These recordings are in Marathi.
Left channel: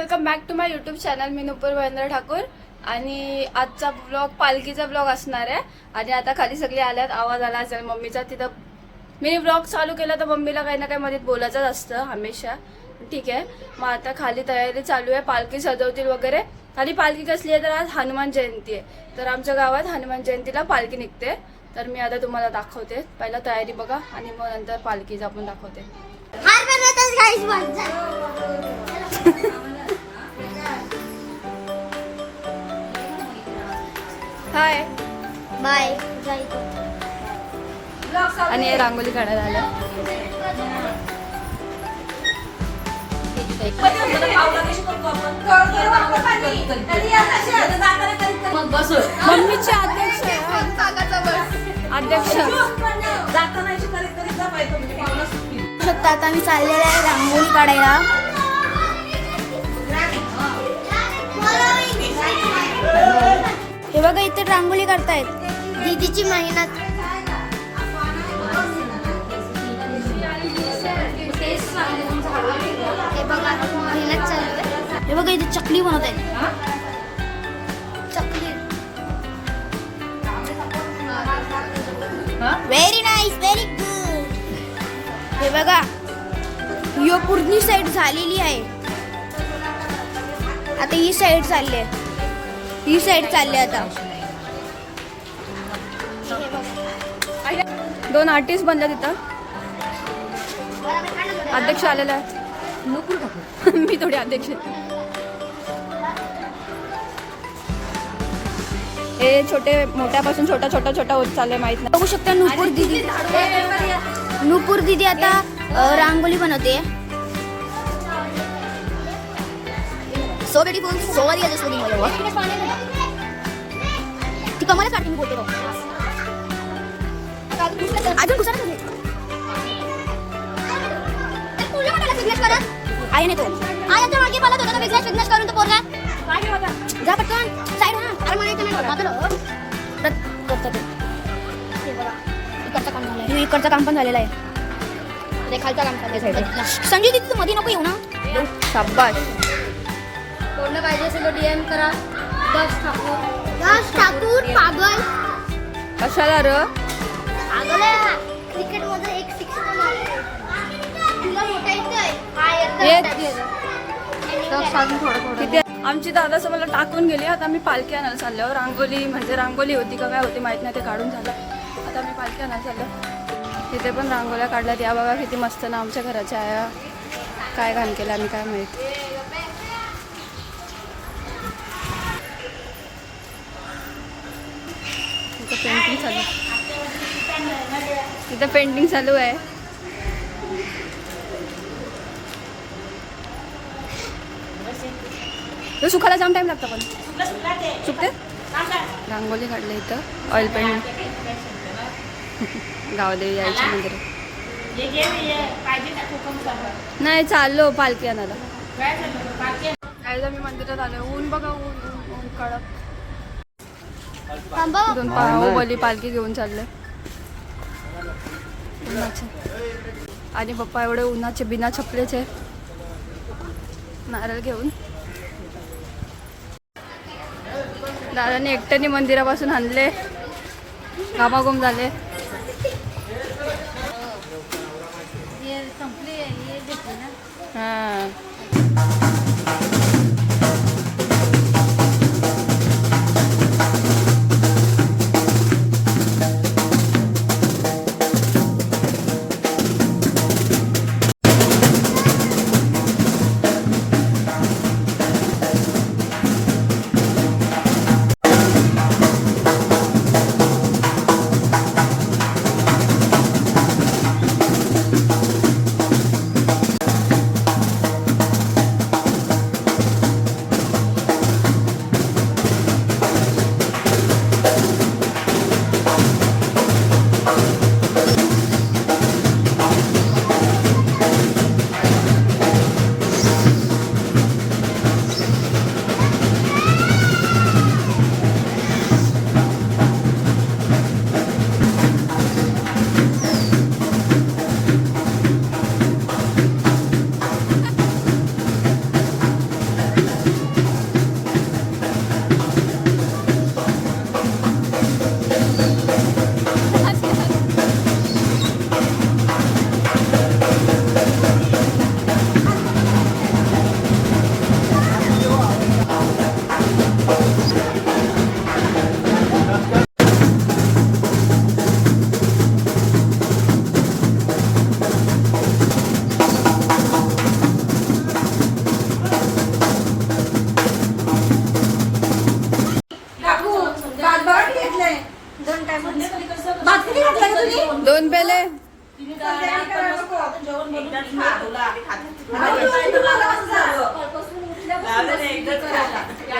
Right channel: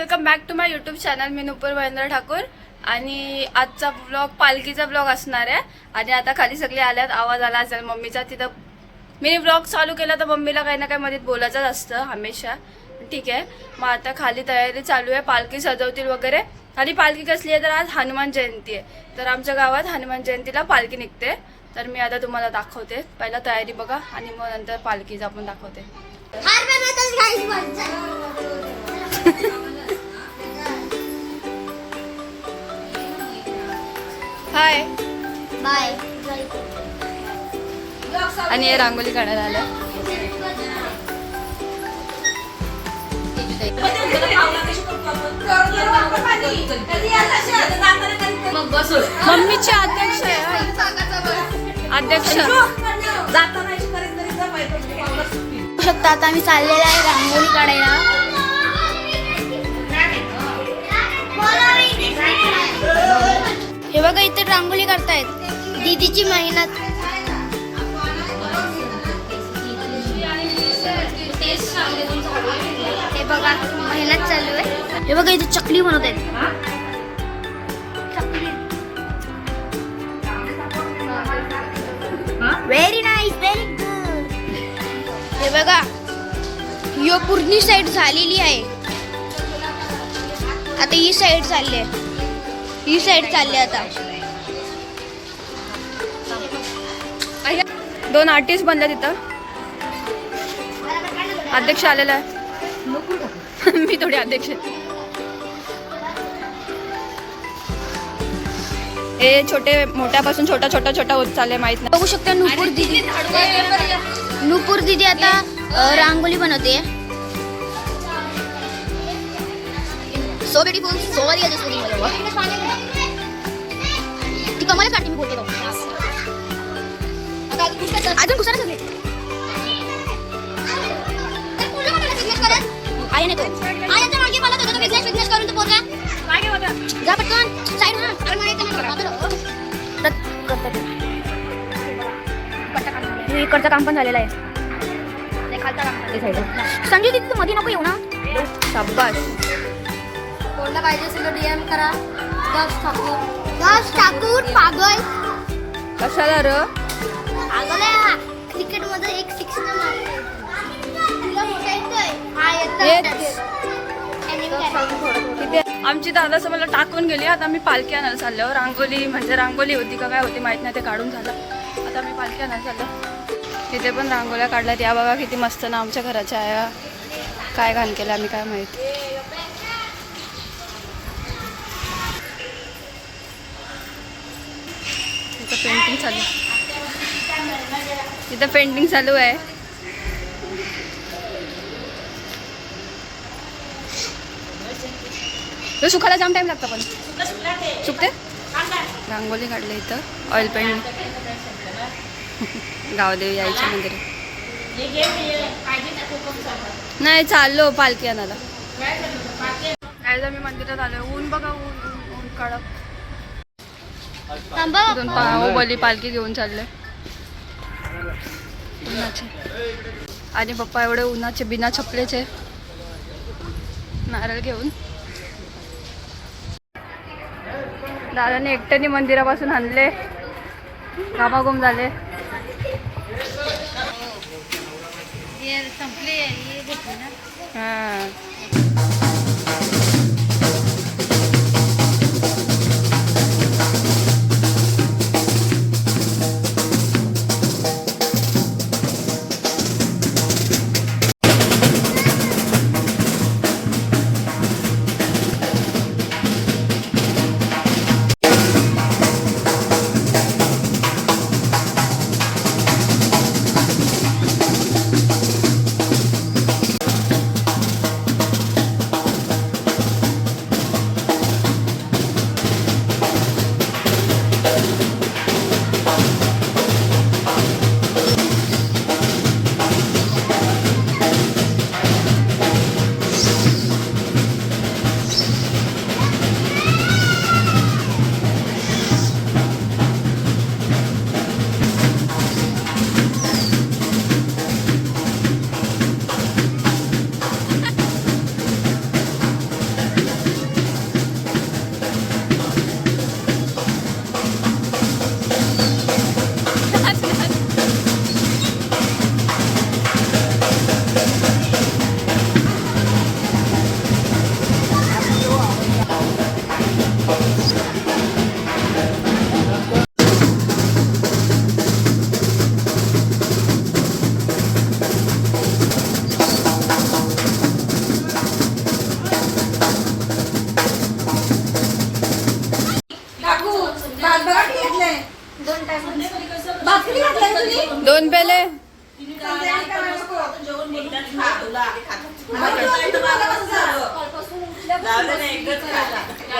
Welcome back to my YouTube channel. मी नुपूर महेंद्र ठाकूर आणि आजचा ब्लॉग पालखीचा ब्लॉग असणार आहे. आणि आता खाली सगळे आल्यात, आवाज आला असेल मम्मीचा. तिथं मी ब्लॉग चालू केला तर मम्मीला काही ना काही मध्ये बोलायचंच असतं हमेशा. ठीक आहे, मग आता खाली तयारी चालू आहे, पालखी सजवतील वगैरे. खाली पालखी कसली आहे तर आज हनुमान जयंती आहे, तर आमच्या गावात हनुमान जयंतीला पालखी निघते. तर मी आता तुम्हाला दाखवते, पहिला तयारी बघा आणि मग नंतर पालखीचं आपण दाखवते. Hi bye. आणि हे रांगोली काढायला आलं. मम्मीची अध्यक्ष आहे, अध्यक्ष शकता. आता आम्ही चाललेला आहे रांगोळी काढायला. हे बघा इथे रांगोळी काढतायत, दीदीची मेहनत. हे बघा मेहनत चालू आहे. हे बघा इथे चकली बनवत आहेत. चकली व्हेरी नाईस, व्हेरी गुड. हे बघा यो पूर्णी साईड झालेली आहे. आता ही साईड चालली आहे, ही साईड चालली आता. दोन आर्टिस्ट बनले तिथं. अध्यक्ष आलेला आहे. मी थोडी अध्यक्ष. हे छोटे मोठ्यापासून छोटा छोटा छोटा होत चालले, माहित नाही. बघू शकता नुपूर दीदी, नुपूर दीदी आता रांगोली बनवते. सो ब्युटिफुल, सो व्हेरी ती कमाल काढते. मी बोलते तो अजून कुसारा झाले आहे ना तो. जा पटकन साईड. इकडचं काम पण झालेलं आहे. संजय दीदी मध्ये नको येऊ ना. शाबाश. कोणला पाहिजे असेल तर डीएम करा. दस ठाकूर पागल. कशाला र? क्रिकेट मध्ये एक सिक्स तुला मोठा किती आमची दादा मला टाकून गेली. आता मी पालखी आणायला चाललो. रांगोली म्हणजे रांगोली होती का काय होती माहित नाही, ते काढून झालं. आता मी पालखी आणायला चाललो. तिथे पण रांगोल्या काढल्यात. या बघा किती मस्त ना आमच्या घराच्या आहे. काय घाण केलं आम्ही काय माहित. तिथं पेंटिंग चालू, तिथं पेंटिंग चालू आहे. तो सुखायला जाम टाइम लागतो पण सुकते. रांगोली काढले इथं, ऑइल पेंट. गावदेवी यायच्या मंदिर नाही, चाललो पालखी आणायला. काय मी मंदिरात आलो. ऊन बघा, ऊन ऊन ऊन कडक. दोन बाहुबली पालखी घेऊन चालले उन्हाचे. आणि पप्पा एवढे उन्हाचे बिना छपलेचे नारळ घेऊन. दादाने एकट्याने मंदिरापासून आणले, घामाघूम झाले. हां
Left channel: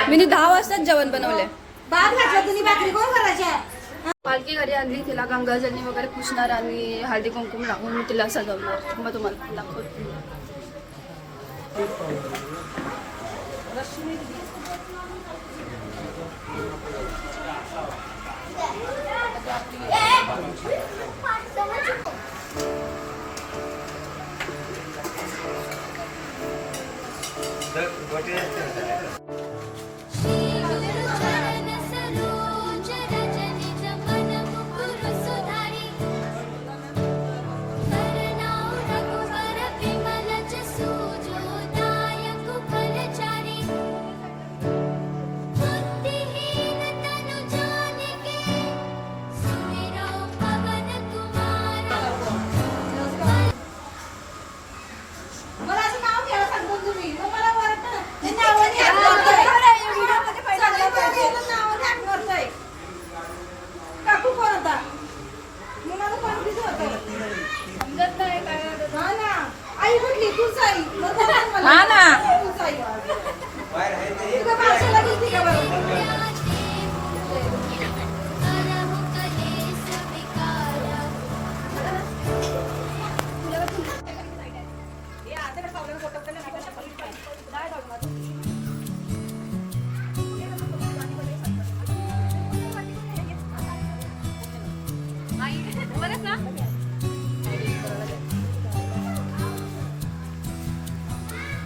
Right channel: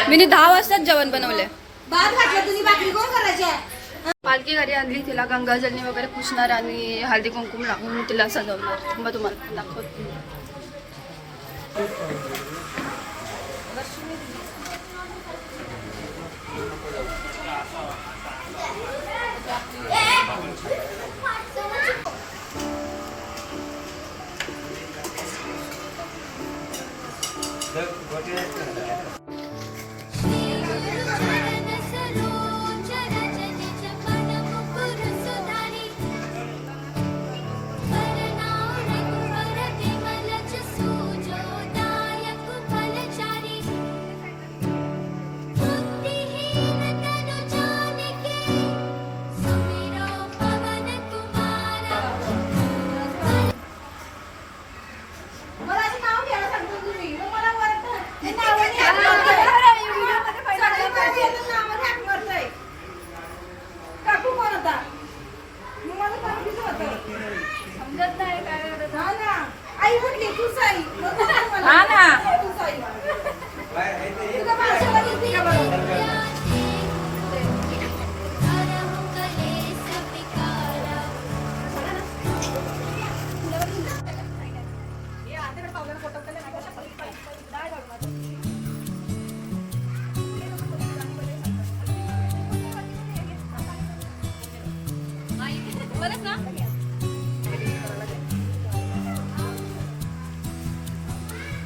मी 10 वाजताच जेवण बनवले. भात घातला तुम्ही, भाकरी कोण करायची? पालखी घरी आणली, तिला गंगाजलनी वगैरे पुसणार आणि हळदी कुंकुम लागून तिला सजवणार. मग तुम्हाला दाखवते. मला असं नाव घ्यायला सांगतो तुम्ही, मग मला वाटतं हे नावाने हाक मारतोय. नावाने हाक मारतोय. काकू कोण होता? मग मला कॉन्फ्युज होतं. समजत नाही काय. हा ना, आई म्हटली तूच आई. मग समजलं मला. हा ना. तूच आई. तू काय मावशीला गेलती का बरं?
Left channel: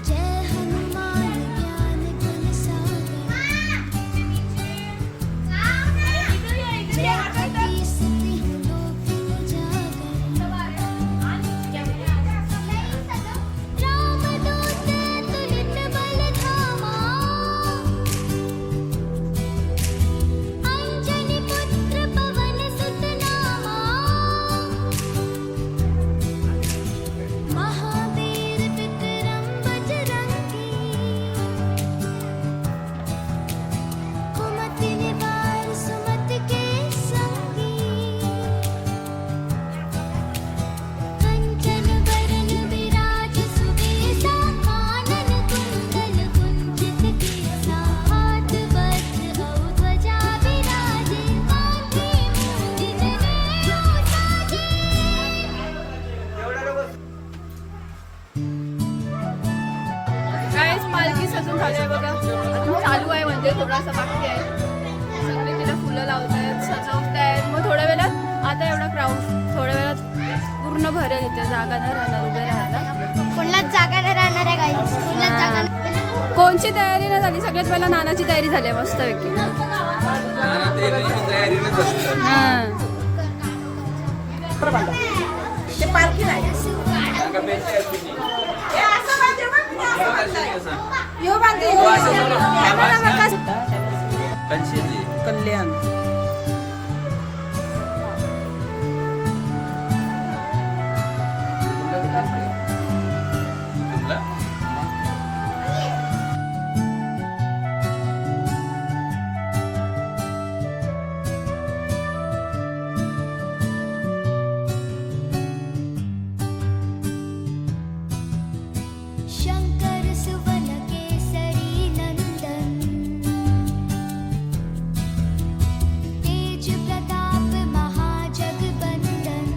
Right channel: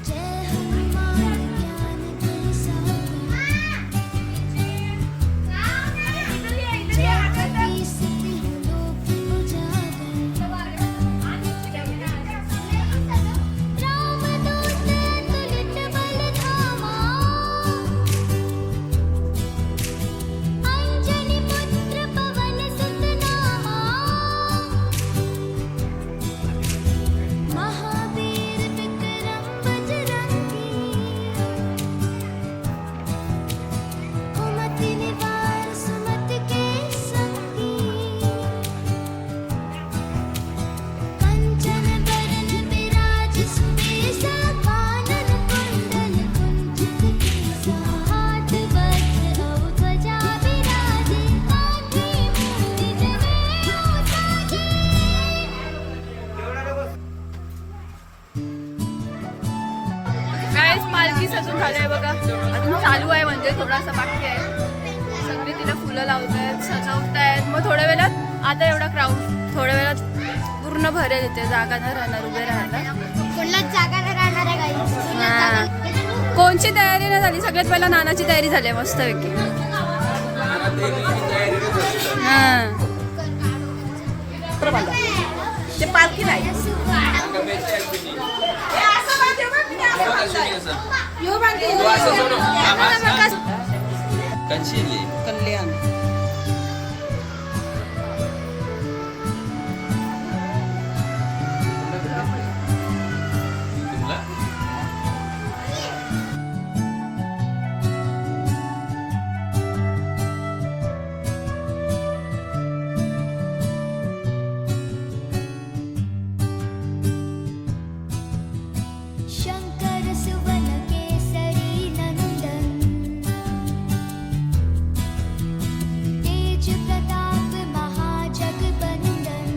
जय हनुमान ज्ञान गुण सागर, जय कपीस तिहुँ लोक उजागर, रामदूत अतुलित बल धामा, अंजनी पुत्र पवन सुत नामा, महावीर विक्रम बजरंगी, कुमति निवार सुमति के संगी, कंचन बरन विराज सुबेसा, कानन कुंडल कुंचित केसा, हाथ वज्र और ध्वजा विराजे, कांधे मूंज जनेऊ साजे. काय पालखी सजून झाली आहे बघा. अजून चालू आहे, म्हणजे थोडासा बाकी आहे. सगळे तिला फुलं लावतायत, सजवतायत. मग थोड्या वेळात आता एवढा क्राऊड, थोड्या वेळात पूर्ण भरेल इथे. जागा नाही राहणार उभे राहायला. कोणालाच जागा नाही राहणार आहे गाईस. कोणालाच जागा नाही. कोणची तयारी नाही झाली. सगळ्यात पहिला नानाची तयारी झाली आहे मस्तपैकी. हा यो बांधे. कल्याण शंकर सुवन केसरी नंदन, तेज प्रताप महाजगबंदन,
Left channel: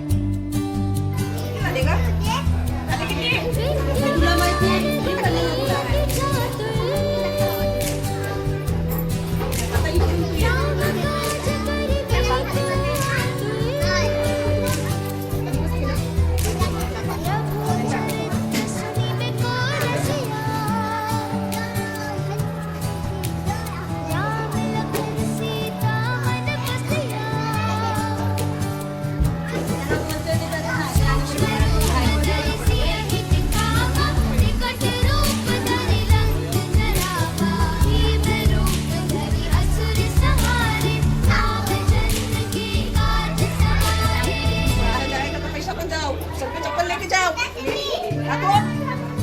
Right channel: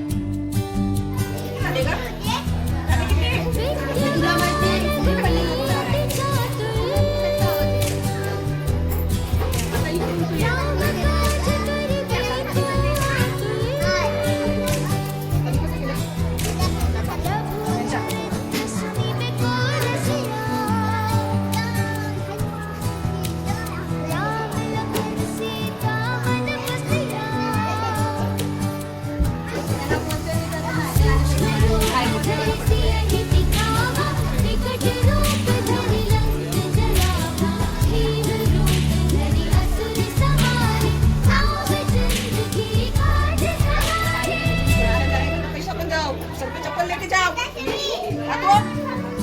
तुला माहिती आहे? राम काज करिबे को आतुर, प्रभु चरित्र सुनिबे को रसिया, राम लखन सीता मन बसिया. पैसा पण जाओ, सबके चप्पल लेके जाओ. ठाकुर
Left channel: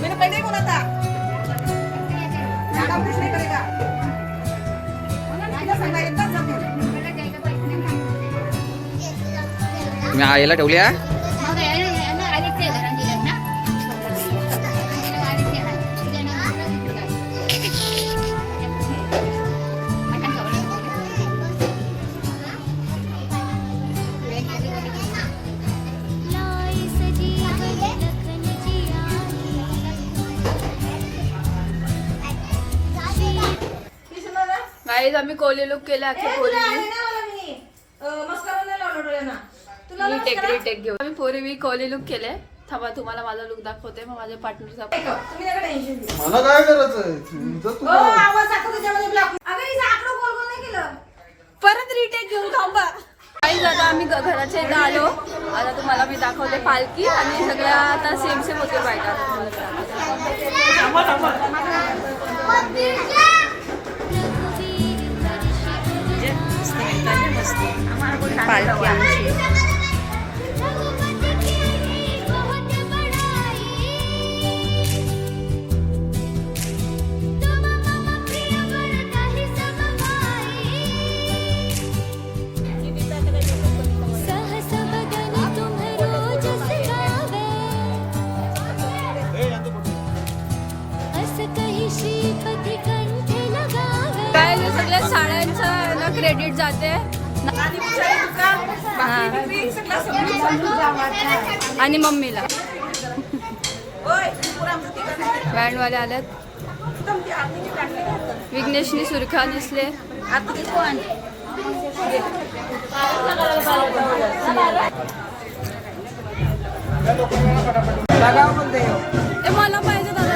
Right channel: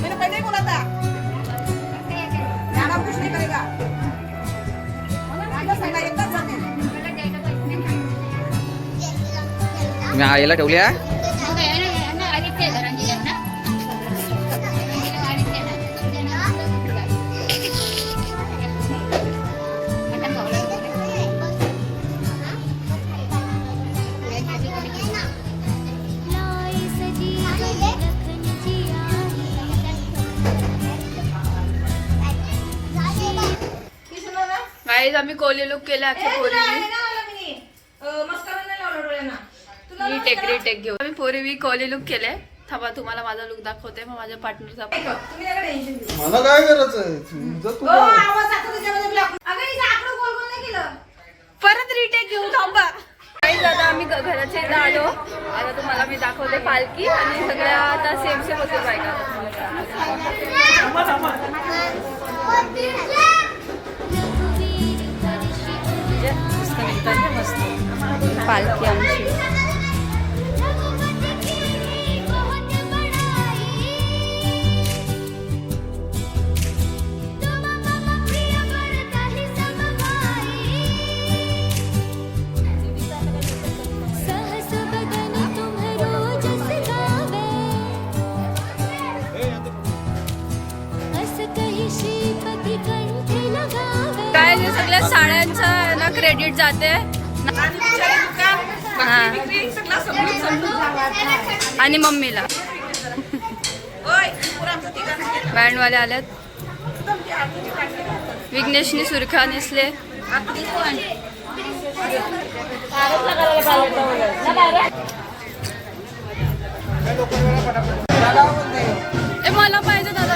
मैंने पहले ही बोला था, ज्यादा कुछ नहीं करेगा. राजा सांगा एकदाच जाते. तुम्ही आईला ठेवल्या गाईज आम्ही कोली लुक केले अख्खे पोरीवी रिटेक घेऊ आम्ही पोरीवी कोली लुक केले. थांबा तुम्हाला माझा लुक दाखवते मग माझ्या पार्टनरचा. मला काय करायचं तुझं तू परत रिटेक घेऊ थांबा. गाईज आता आम्ही घराच्या इथं आलो. आता तुम्हाला मी दाखवते पालखी आणि सगळ्या आता सेम सेम होते बायका. रघुवीर हर्षि पालखी आमची रघुपति की बहुत बड़ाई तुम मम प्रिय भरत ही सम भाई सहस बदन तुम्हरो जस गावे अस कही श्रीपति कंठ लगावे. काय जे सगळ्या साड्यांचा ना क्रेडिट जाते हा. आणि मम्मीला बँडवाले आल्यात. विघ्नेशनी सुरखा नेसले. ए मला पाहिजे दादा.